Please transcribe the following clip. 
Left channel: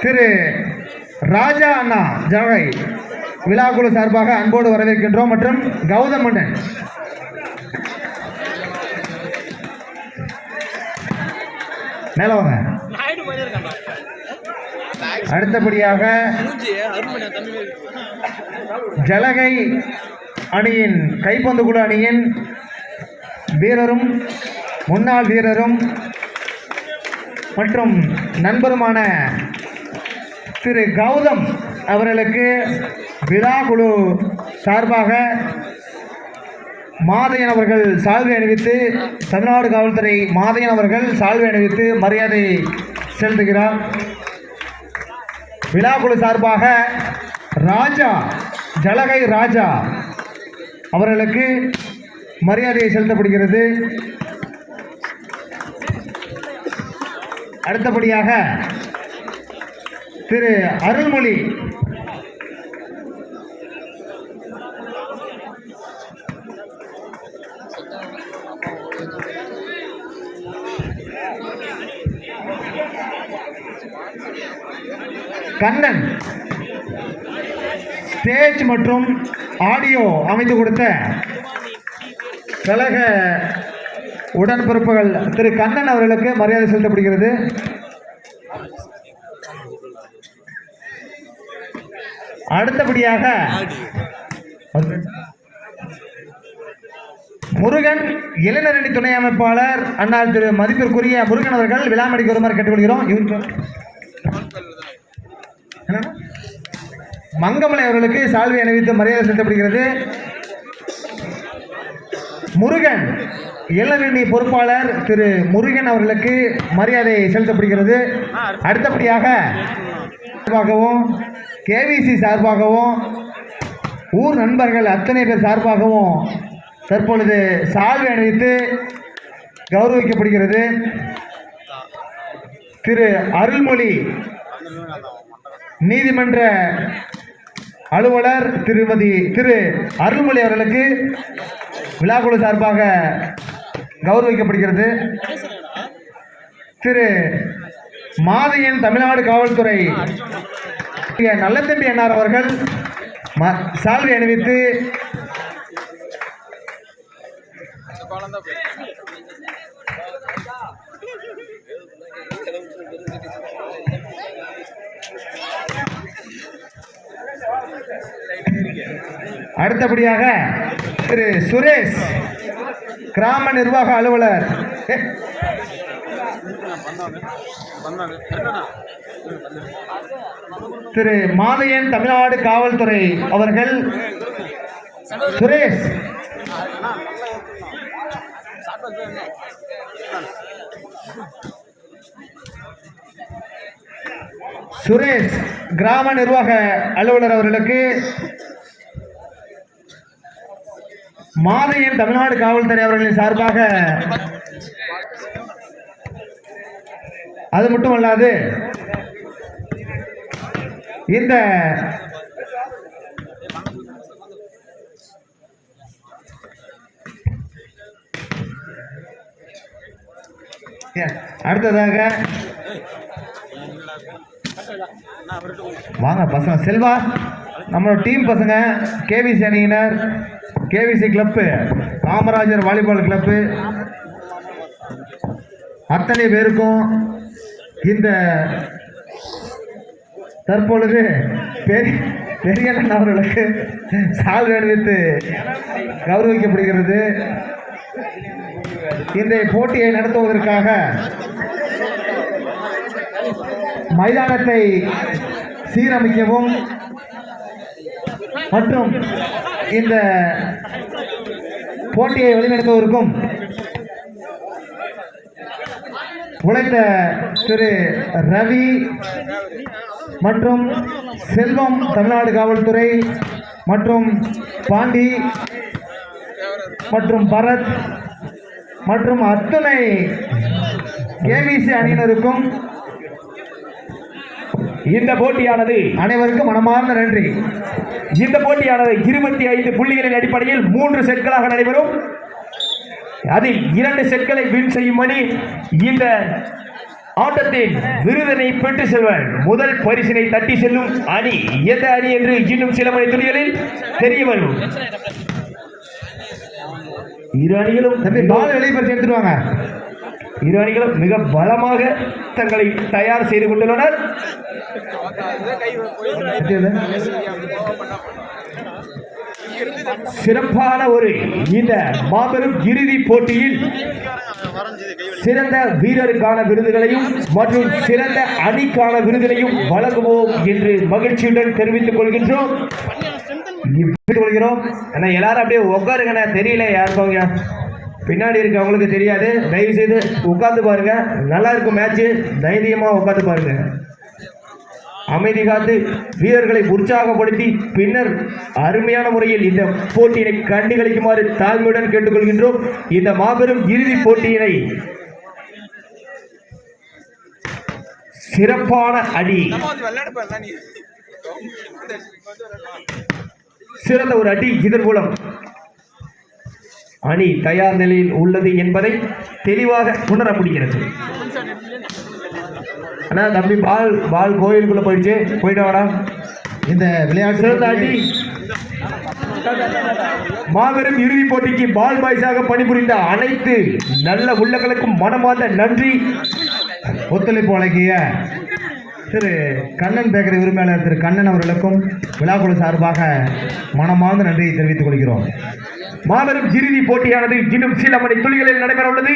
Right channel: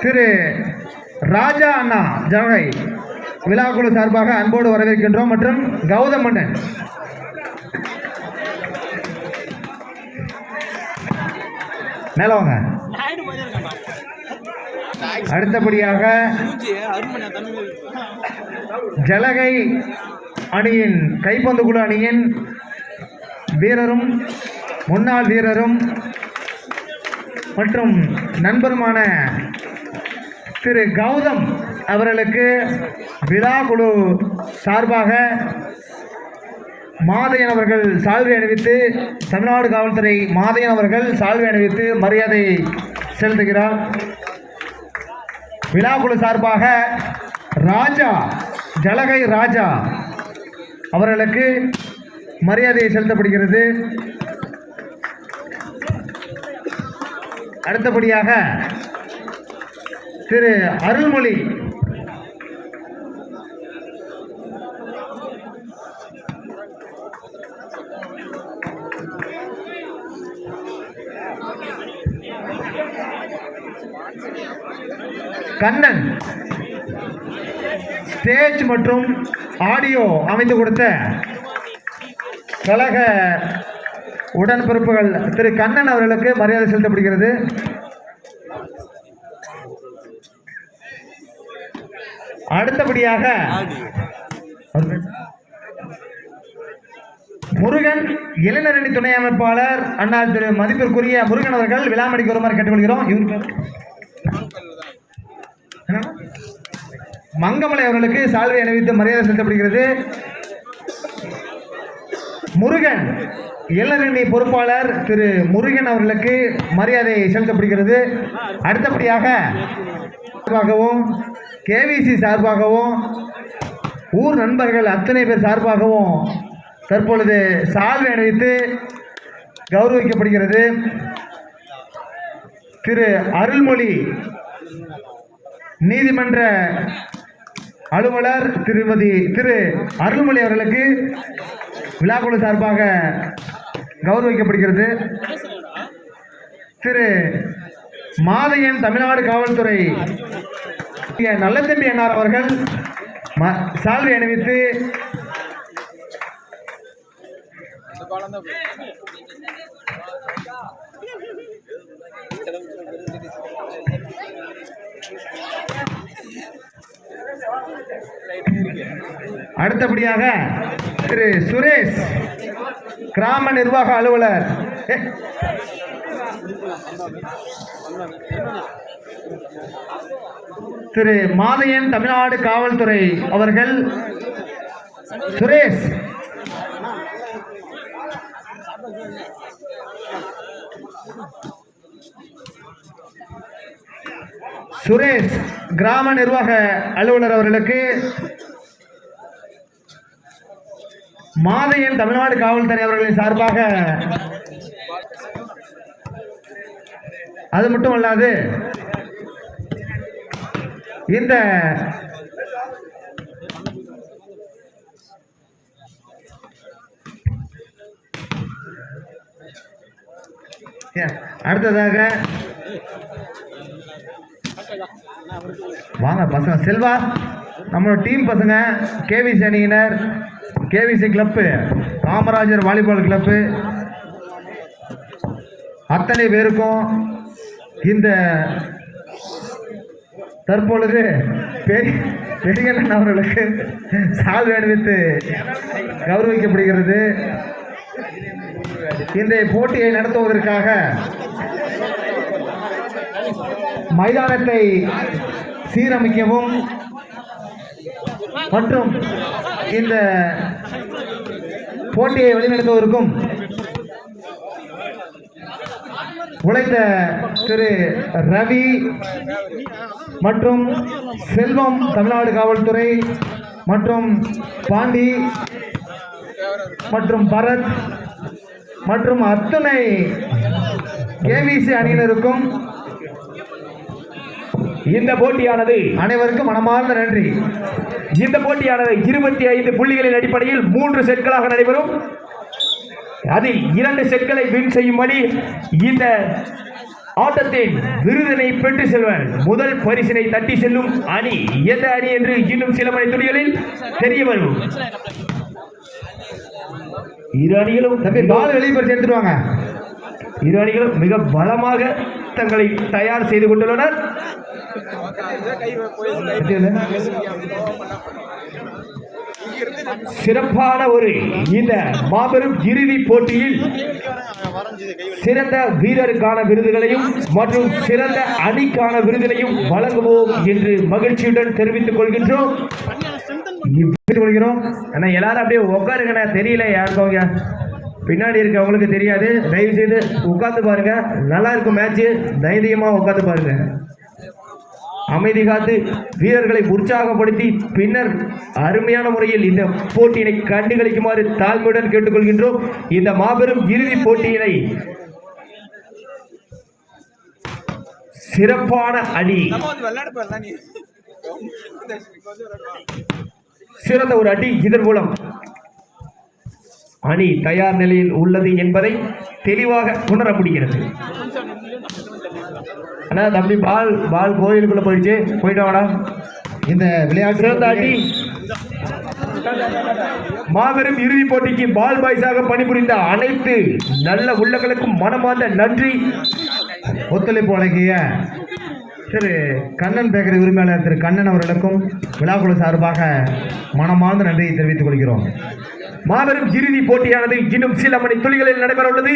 திரு ராஜா அண்ணா ஜனகை விழாக்குழு சார்பாக அன்போடு வரவேற்கின்றோம். மற்றும் கௌதம் மன்னன் மேலவங்க. அடுத்தபடியாக ஜலகை அணியின் கைப்பந்து குழு அணியின் வீரரும் முன்னாள் வீரரும் மற்றும் நண்பருமான திரு கௌதம் அவர்களுக்கு விழா குழு சார்பாக மாதையன் அவர்கள் சால்வை அணிவித்து, தமிழ்நாடு காவல்துறை மாதையன் அவர்கள் சால்வை அணிவித்து மரியாதை செலுத்துகிறார். விழா குழு சார்பாக ராஜா ஜலகை ராஜா அவர்களுக்கு மரியாதை செலுத்தப்படுகிறது. அடுத்தபடியாக திரு அருள்மொழி கண்ணன் ஸ்டேஜ் மற்றும் ஆடியோ அமைத்து கொடுத்த கழக உடன்பிறப்புகள் திரு கண்ணன் அவர்களுக்கு மரியாதை செலுத்தப்படுகிறது. அடுத்தபடியாக முருகன் இளைஞரணி துணை அமைப்பாளர் அண்ணால் திரு மதிப்பிற்குரிய முருகன் அவர்கள் விழாமணிக்கு வருமாறு கேட்டுக்கொள்கிறோம். இவருக்கு மங்கமலை அவர்களுக்கு சால்வை அணிவித்து மரியாதை செலுத்தப்படுகிறது. முருகன் இளைஞரணி பொறுப்பாளர் திரு முருகன் அவர்களுக்கு மரியாதை செலுத்தப்படுகிறது. அடுத்தபடியாக கேவிசி சார்பாகவும் ஊர் நண்பர்கள் அத்தனை பேர் சார்பாகவும் தற்பொழுது சால்வை அணிவித்து கௌரவிக்கப்படுகிறது. திரு அருள்மொழி நீதிமன்ற அலுவலர் திரு அருள்மொழி அவர்களுக்கு விழாக்குழு சார்பாக கௌரவிக்கப்படுகிறது. திரு மாதையன் தமிழ்நாடு காவல்துறை நல்லதம்பி அண்ணார் அவர்கள் சால்வை அணிவித்து அடுத்தபடியாக திரு சுரேஷ் கிராம நிர்வாக அலுவலர் திரு மாதையன் தமிழ்நாடு காவல்துறை அவர்கள் சுரேஷ் கிராம நிர்வாக அலுவலர் அவர்களுக்கு மாதையன் தமிழ்நாடு காவல்துறை அவர்களின் சார்பாக, அது மட்டுமல்லாது இந்த அடுத்ததாக வாங்க பசங்க, செல்வா நம்மளோட டீம் பசங்க, கேவிசி அணியினர், KVC club, Kamarajar volleyball club அத்தனை பேருக்கும் இந்த தற்பொழுது பெரியண்ணன் அவர்களுக்கு சால்வை அணிவித்து கௌரவிக்கப்படுகிறது. இந்த போட்டியை நடத்துவதற்காக மைதானத்தை சீரமைக்கவும் மற்றும் இந்த போட்டியை வழிநடத்துவதற்கும் உழைத்த திரு ரவி மற்றும் செல்வம் தமிழ்நாடு காவல்துறை மற்றும் பாண்டி மற்றும் பரத் மற்றும் அத்தனை கேவிசி அணியினருக்கும் இந்த போட்டியானது அனைவருக்கும் மனமார்ந்த நன்றி. இந்த போட்டியானது 25 புள்ளிகளின் அடிப்படையில் 3 செட்களாக நடைபெறும். அதில் 2 செட்களை வின் செய்யும்படி இந்த ஆட்டத்தின் விருதினை பெற்று செல்வன் முதல் பரிசினை தட்டி செல்லும் அணி எந்த அணி என்று இன்னும் சில மணி துணிகளில் தெரிய வரும். இரு அணிகளும் பால் வெளியே பறிச்சு எடுத்துட்டு வாங்க. இரு அணிகளும் மிக பலமாக தங்களை தயார் செய்து கொண்டுள்ளனர். சிறப்பான ஒரு இந்த மாபெரும் இறுதி போட்டியில் சிறந்த வீரருக்கான விருதுகளையும் மற்றும் சிறந்த அணிக்கான விருதினையும் வழங்குவோம் என்று மகிழ்ச்சியுடன் தெரிவித்துக் கொள்கின்றோம். ஆனா எல்லாரும் அப்படியே உட்காருங்க, தெரியல யாருக்கவங்க பின்னாடி இருக்கவங்களுக்கு தெரியாது. தயவு செய்து உட்காந்து பாருங்க, நல்லா இருக்கும் மேட்ச். தைரியமா உட்காந்து பாருங்க. அமைதி காத்து வீரர்களை உற்சாகப்படுத்தி பின்னர் அருமையான முறையில் இந்த போட்டியினை கண்டுகளிக்குமாறு தாழ்மையுடன் கேட்டுக்கொள்கின்றோம். இந்த மாபெரும் இறுதி போட்டியினை சிறப்பான அணி, சிறந்த ஒரு அடி, இதன் மூலம் அணி தயார் நிலையில் உள்ளது என்பதை தெளிவாக உணர முடிகிறது. ஆனா தம்பி பால் கோயிலுக்குள்ள போயிட்டு வாடா. இந்த விளையாட்டு சிறந்த அடி மாபெரும் இறுதி போட்டிக்கு பால் பாய்ஸாக பணிபுரிந்த அனைத்து நல்ல உள்ளங்களுக்கும் மனமார்ந்த நன்றி. ஒத்துழைப்பு வழங்கிய திரு கண்ணன் பேக்கரி உரிமையாளர் திரு கண்ணன் அவர்களுக்கும் விழாக்குழு சார்பாக மனமார்ந்த நன்றியை தெரிவித்துக் கொள்கிறோம். மாபெரும் இறுதி போட்டியானது இன்னும் சில மணி துளிகளில் நடைபெற உள்ளது.